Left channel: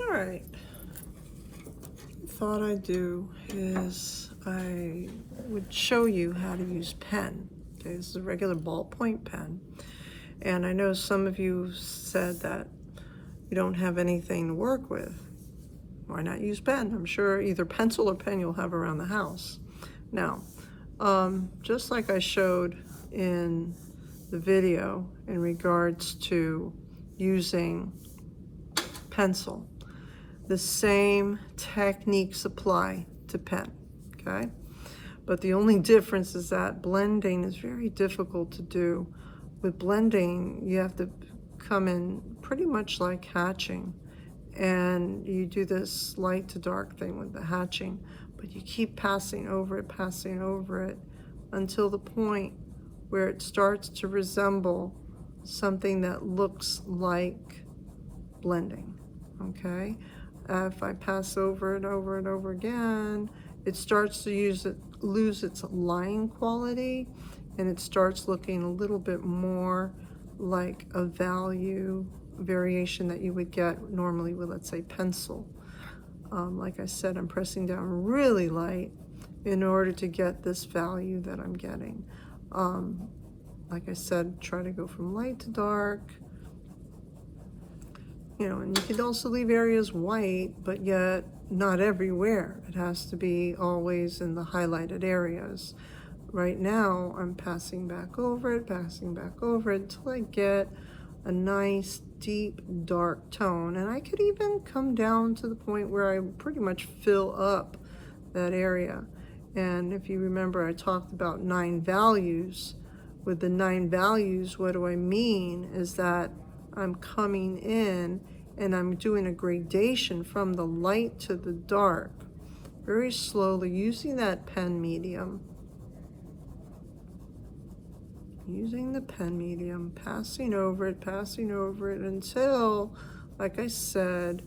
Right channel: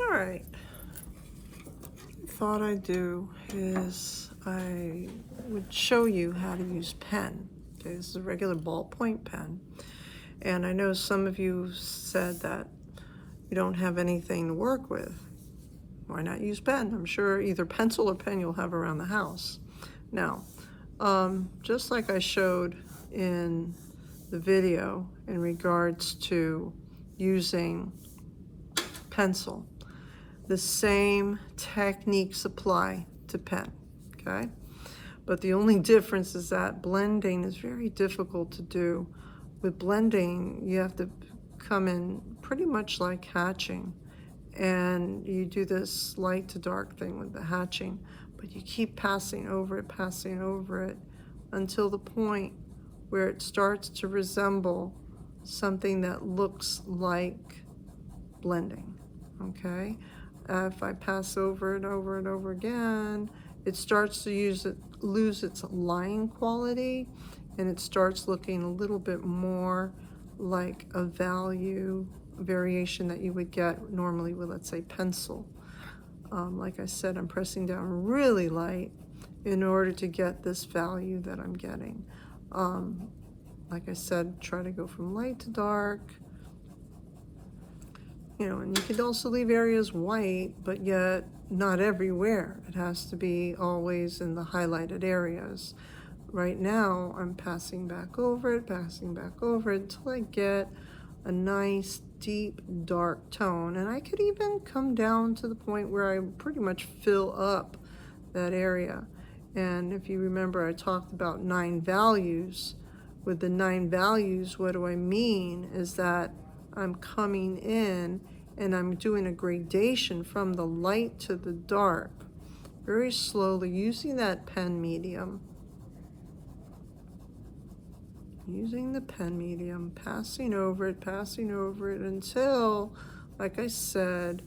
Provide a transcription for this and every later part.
All right. Thought I'd do is I would show you how to use pen. Okay, this is a regular ballpoint pen. And I know some of you said that you don't have anything to work with. Why not use pen? I'm sure either pencil or pen you'll have around the house. Now, just like I showed in the video in regards to using pencil, the same techniques apply to pen, okay? But the only difference is that blending is very difficult to do. With blending, you have to come in pretty much like hatching, and you do this light to dark thing with the hatching, but you keep passing over it until the point where it starts to resemble something that looks like blending, okay? If I pass over it over and over again, it starts to lose its line quality, and it starts looking a little bit more like a value variation that you would get normally with, let's say, pencil. Like I said, I'm pressing down really light in order to get this value that I'm getting. Like I said, try to go from light to dark. You know, and you could also leave areas white, but yet not everywhere. It has to be always in the highlighted areas. Right now, I'm passing back over it until I get a nice, deep, dark tone. And I could even come down to the point where I pretty much fill up that area. And if you remember, I talked about 9 values. With the 9 values, what do I mean is that I'm coming in and I'm doing a gradation from the light to the dark, very slowly, using that pen medium. Using the pen medium, passing over it until, like I said,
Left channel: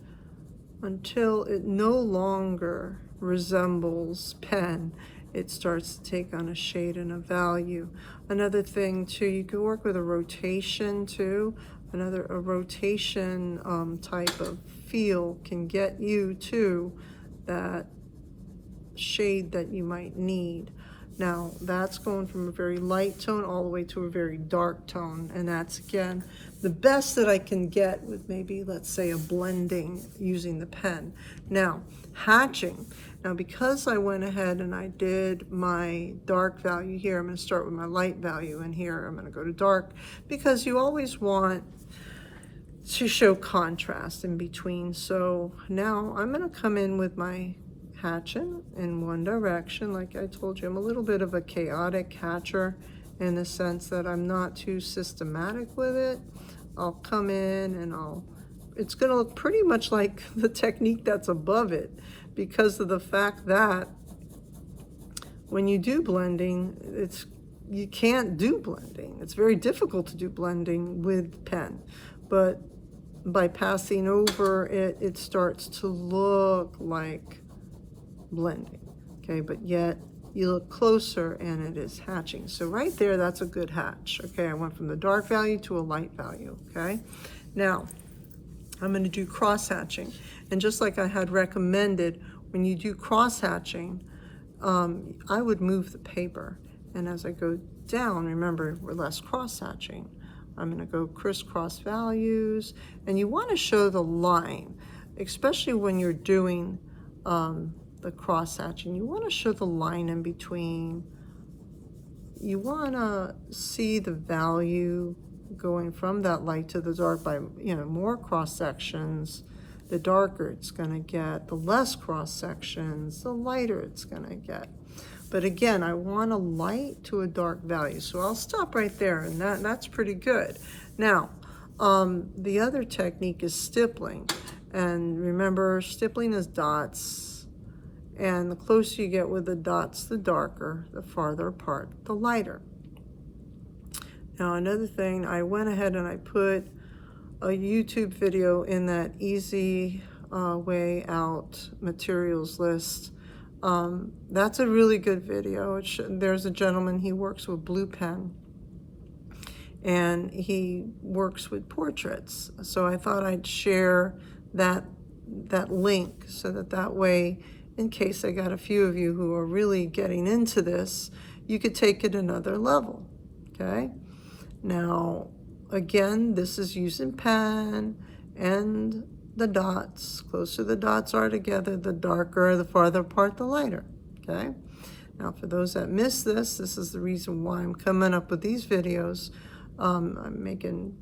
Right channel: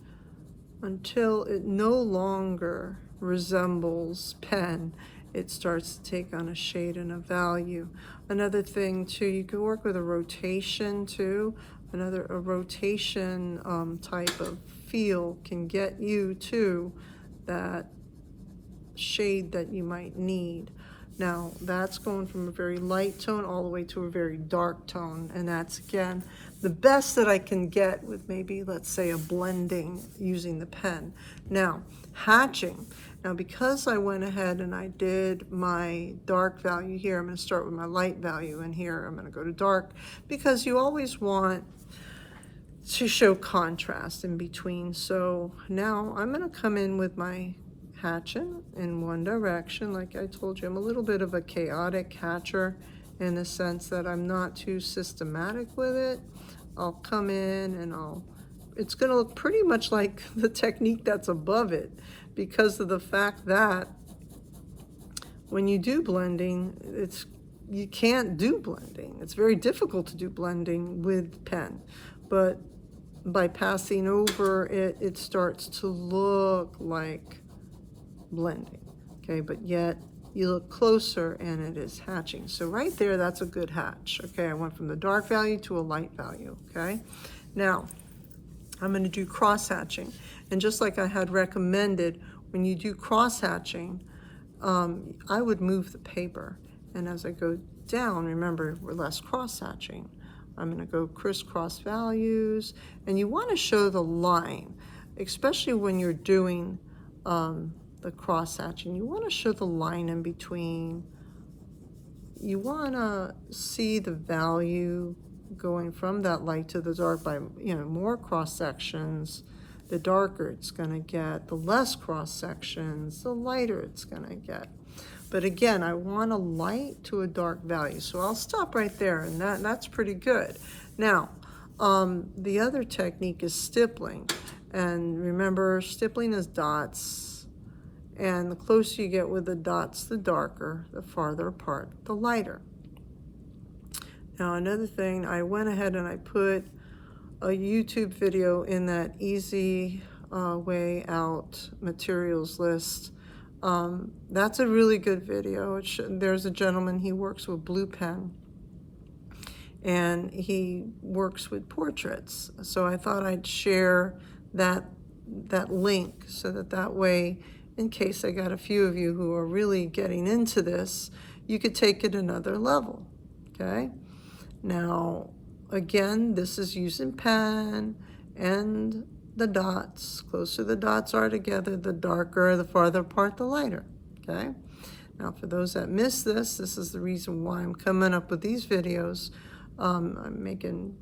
until it no longer resembles pen. It starts to take on a shade and a value. Another thing too, you can work with a rotation too. A rotation type of feel can get you to that shade that you might need. Now, that's going from a very light tone all the way to a very dark tone, and that's, again, the best that I can get with maybe, let's say, a blending using the pen. Now, hatching. Now, because I went ahead and I did my dark value here, I'm going to start with my light value, and here I'm going to go to dark, because you always want to show contrast in between. So now I'm going to come in with my hatching in one direction. Like I told you, I'm a little bit of a chaotic hatcher in the sense that I'm not too systematic with it. I'll come in and it's going to look pretty much like the technique that's above it, because of the fact that when you do blending, you can't do blending. It's very difficult to do blending with pen, but by passing over it, it starts to look like blending, okay? But yet you look closer and it is hatching. So right there, that's a good hatch, okay? I went from the dark value to a light value, okay? Now, I'm going to do cross hatching. And just like I had recommended, when you do cross hatching, I would move the paper. And as I go down, remember, we're less cross hatching. I'm going to go crisscross values. And you want to show the line, especially when you're doing the cross hatching. You want to show the line in between. You want to see the value going from that light to the dark by, more cross sections. The darker it's going to get, the less cross sections, the lighter it's going to get. But again, I want a light to a dark value. So I'll stop right there, and that's pretty good. Now, the other technique is stippling. And remember, stippling is dots. And the closer you get with the dots, the darker, the farther apart, the lighter. Now, another thing, I went ahead and I put a YouTube video in that easy way out materials list. That's a really good video. There's a gentleman, he works with blue pen, and he works with portraits. So I thought I'd share that that link, so that way, in case I got a few of you who are really getting into this, you could take it another level, okay? Now, again, this is using pen and the dots. Closer the dots are together, the darker, the farther apart, the lighter, okay? Now, for those that missed this, this is the reason why I'm coming up with these videos. I'm making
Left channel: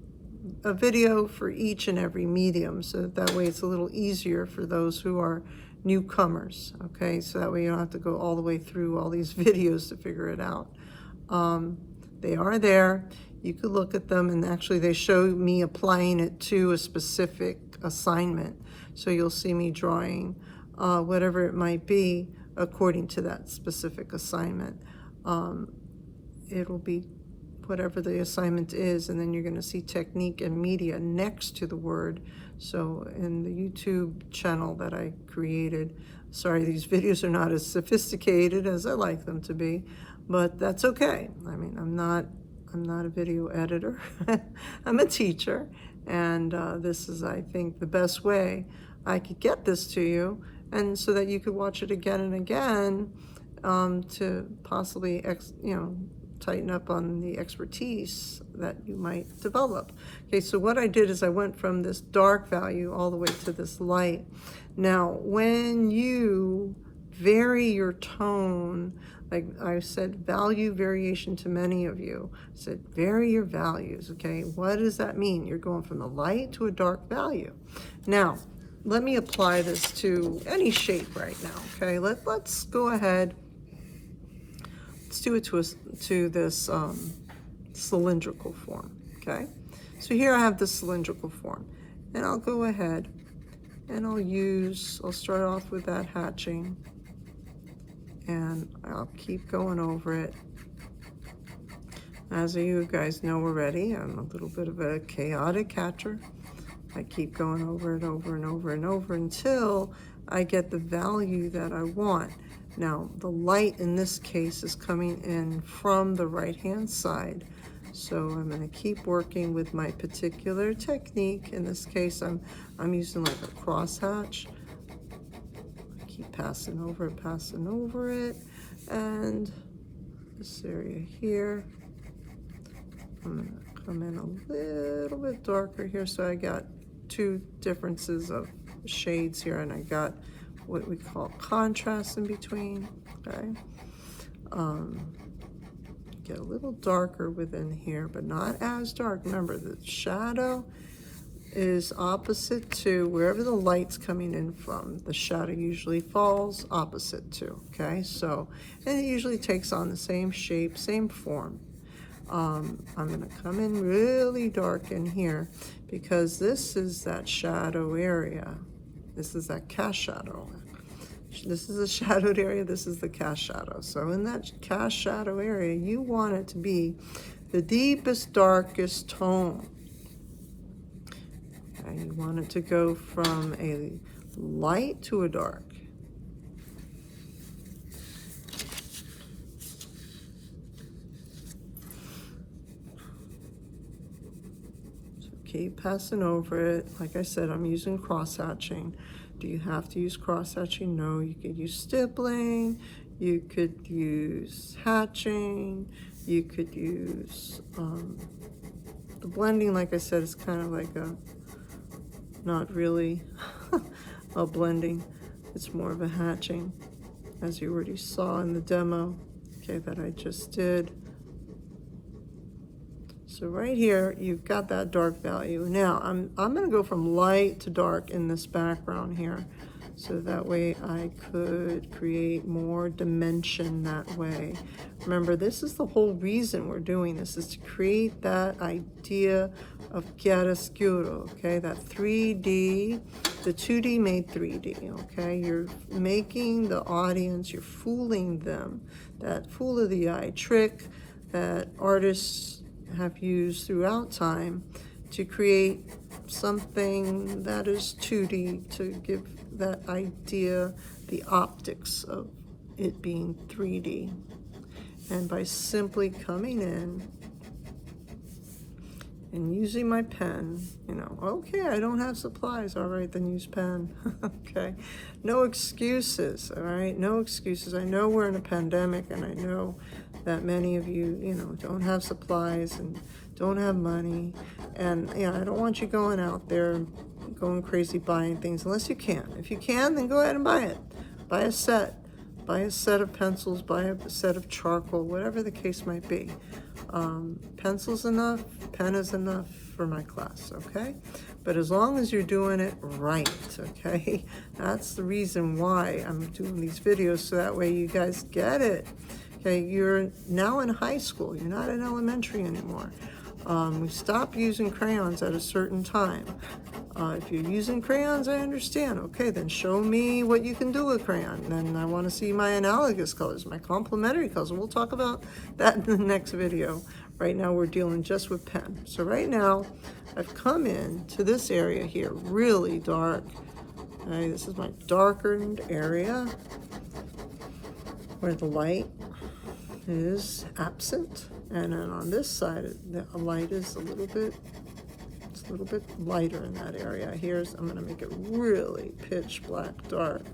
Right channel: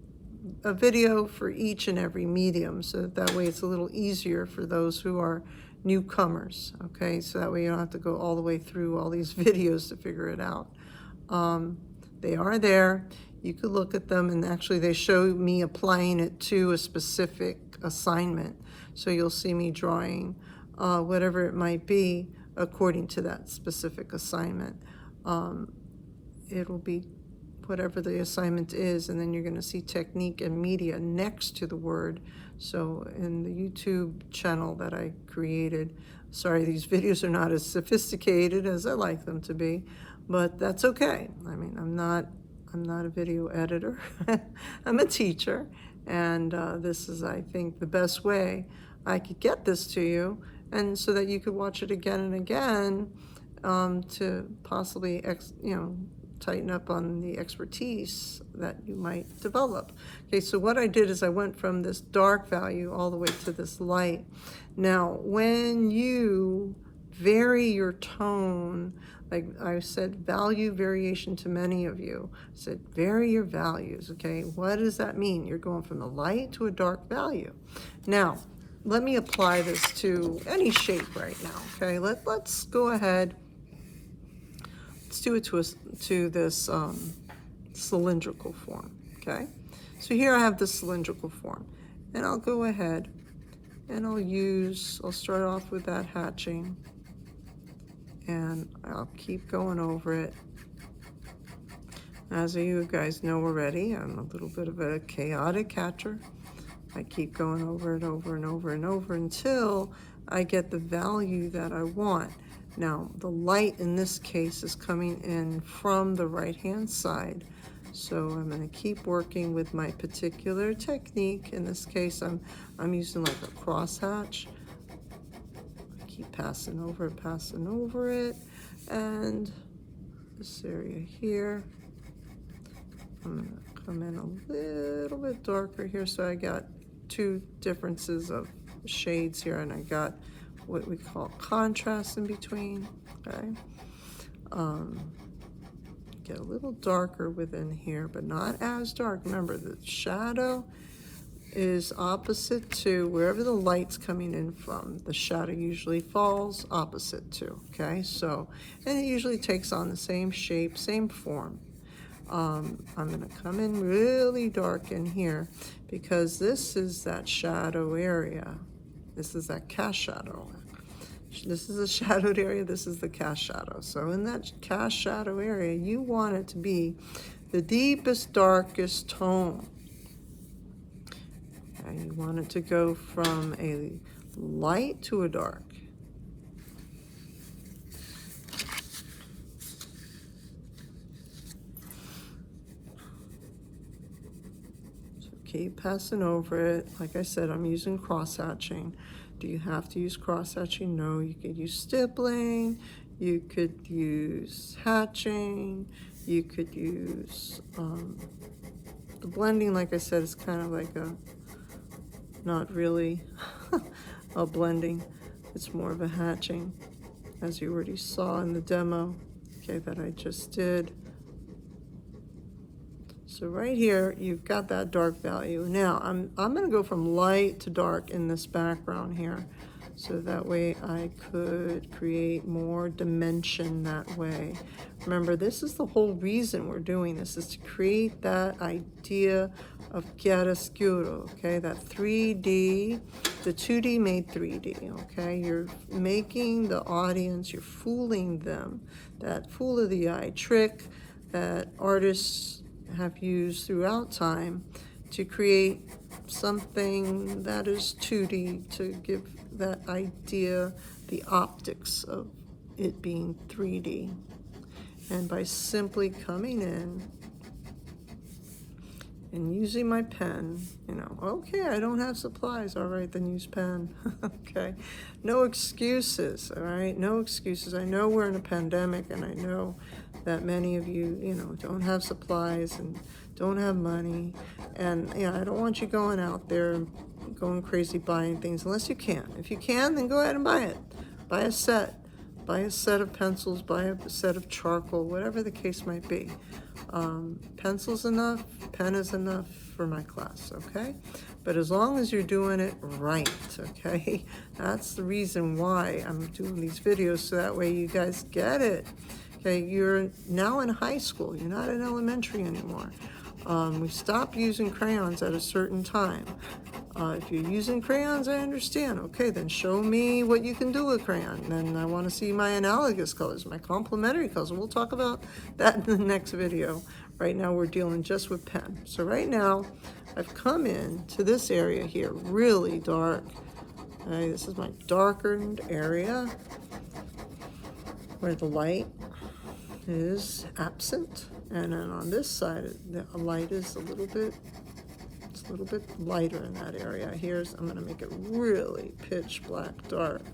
a video for each and every medium, so that way it's a little easier for those who are newcomers, okay? So that way you don't have to go all the way through all these videos to figure it out. They are there. You could look at them, and actually they show me applying it to a specific assignment. So you'll see me drawing whatever it might be according to that specific assignment. It'll be whatever the assignment is, and then you're going to see technique and media next to the word. So in the YouTube channel that I created, sorry, these videos are not as sophisticated as I like them to be, but that's okay. I mean, I'm not a video editor. I'm a teacher, and this is, I think, the best way I could get this to you, and so that you could watch it again and again to possibly, tighten up on the expertise that you might develop. Okay, so what I did is I went from this dark value all the way to this light. Now, when you vary your tone, like I said, value variation to many of you, I said vary your values, okay? What does that mean? You're going from the light to a dark value. Now, let me apply this to any shape right now, okay? Let's go ahead. Let's do it to this cylindrical form, okay? So here I have the cylindrical form, and I'll go ahead and I'll start off with that hatching, and I'll keep going over it. As you guys know already, I'm a little bit of a chaotic hatcher. I keep going over it over and over and over until I get the value that I want. Now, the light in this case is coming in from the right-hand side. So I'm going to keep working with my particular technique. In this case, I'm using like a crosshatch. Keep passing over it. And this area here, I'm going to come in a little bit darker here. So I got two differences of shades here, and I got what we call contrast in between, okay? Get a little darker within here, but not as dark. Remember, the shadow is opposite to wherever the light's coming in from. The shadow usually falls opposite to, okay? So, and it usually takes on the same shape, same form. I'm gonna come in really dark in here because this is that shadow area. This is that cast shadow. This is a shadowed area, this is the cast shadow. So in that cast shadow area, you want it to be the deepest, darkest tone. And you want it to go from a light to a dark. So keep passing over it. Like I said, I'm using cross-hatching. Do you have to use cross-hatching? No, you could use stippling, you could use hatching, you could use, the blending, like I said, is kind of like not really a blending, it's more of a hatching, as you already saw in the demo, okay, that I just did. So right here, you've got that dark value. Now, I'm going to go from light to dark in this background here. So that way I could create more dimension that way. Remember, this is the whole reason we're doing this, is to create that idea of chiaroscuro, okay? That 3D, the 2D made 3D, okay? You're making the audience, you're fooling them. That fool of the eye trick that artists have used throughout time to create something that is 2D, to give that idea, the optics of it being 3D. And by simply coming in and using my pen, you know, okay, I don't have supplies, all right, then use pen. Okay, no excuses, all right, no excuses. I know we're in a pandemic, and I know that many of you, you know, don't have supplies and don't have money, and yeah, I don't want you going out there going crazy buying things unless you can. If you can, then go ahead and buy it. Buy a set. Buy a set of pencils, buy a set of charcoal, whatever the case might be. Pencil's enough, pen is enough for my class, okay? But as long as you're doing it right, okay? That's the reason why I'm doing these videos, so that way you guys get it. Okay, you're now in high school, you're not in elementary anymore. We stop using crayons at a certain time. If you're using crayons, I understand. Okay, then show me what you can do with crayon. Then I want to see my analogous colors, my complementary colors. We'll talk about that in the next video. Right now we're dealing just with pen. So right now I've come in to this area here, really dark. Right, this is my darkened area where the light is absent. And then on this side, the light is a little bit lighter in that area. I'm going to make it really pitch black dark.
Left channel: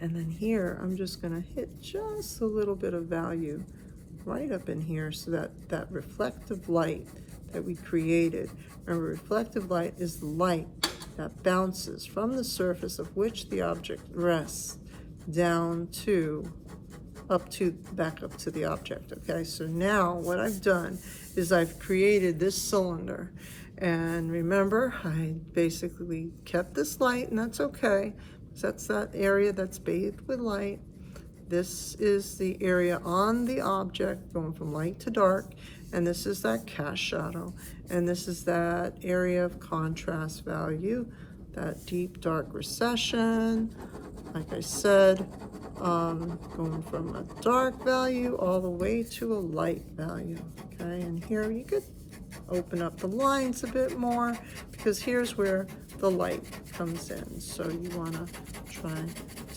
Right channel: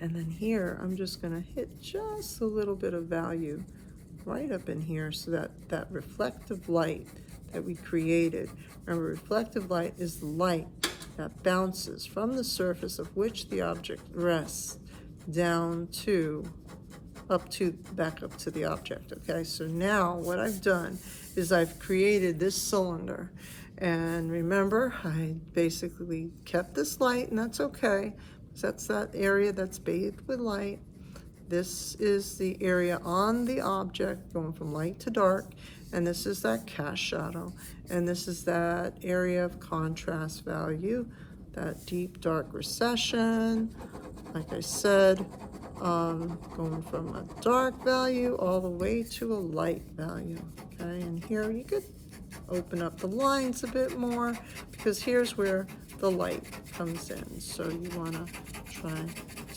And then here, I'm just going to hit just a little bit of value right up in here, so that that reflective light that we created. Remember, reflective light is the light that bounces from the surface of which the object rests down to back up to the object. Okay, so now what I've done is I've created this cylinder, and remember, I basically kept this light, and that's okay, because that's that area that's bathed with light. This is the area on the object going from light to dark, and this is that cast shadow, and this is that area of contrast value, that deep dark recession. Like I said, going from a dark value all the way to a light value. Okay, and here you could open up the lines a bit more, because here's where the light comes in. So you want to try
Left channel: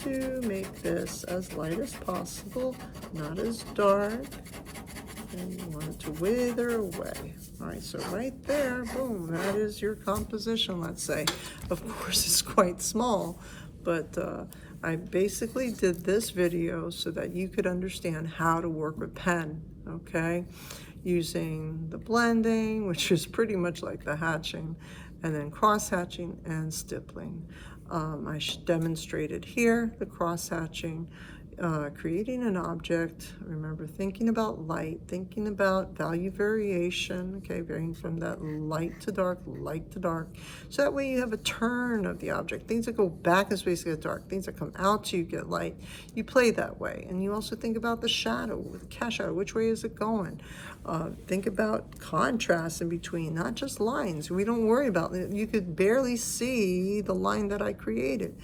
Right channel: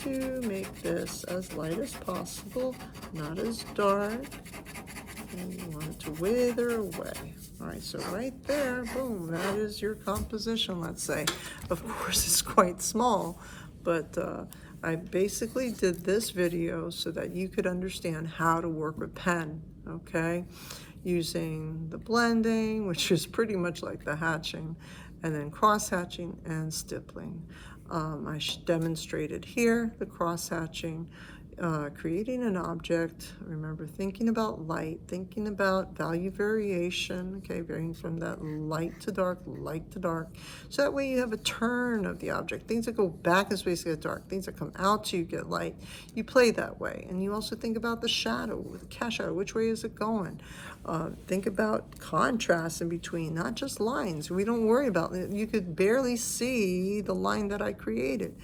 to make this as light as possible, not as dark. And you want it to wither away. All right, so right there, boom, that is your composition, let's say. Of course, it's quite small, but I basically did this video so that you could understand how to work with pen, okay? Using the blending, which is pretty much like the hatching, and then cross-hatching and stippling. I demonstrated here the cross-hatching, creating an object. Remember, thinking about light, thinking about value variation, okay, varying from that light to dark, so that way you have a turn of the object. Things that go back in space get dark, things that come out to you get light. You play that way. And you also think about the shadow, the cast shadow, which way is it going? Think about contrast in between, not just lines. We don't worry about it. You could barely see the line that I created,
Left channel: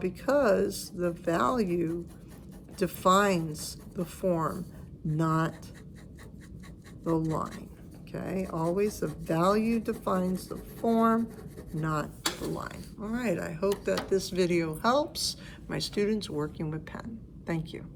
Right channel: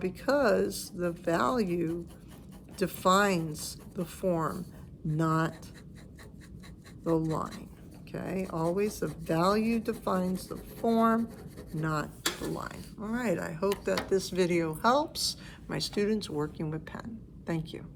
because the value defines the form, not the line. Okay, always the value defines the form, not the line. All right, I hope that this video helps my students working with pen. Thank you.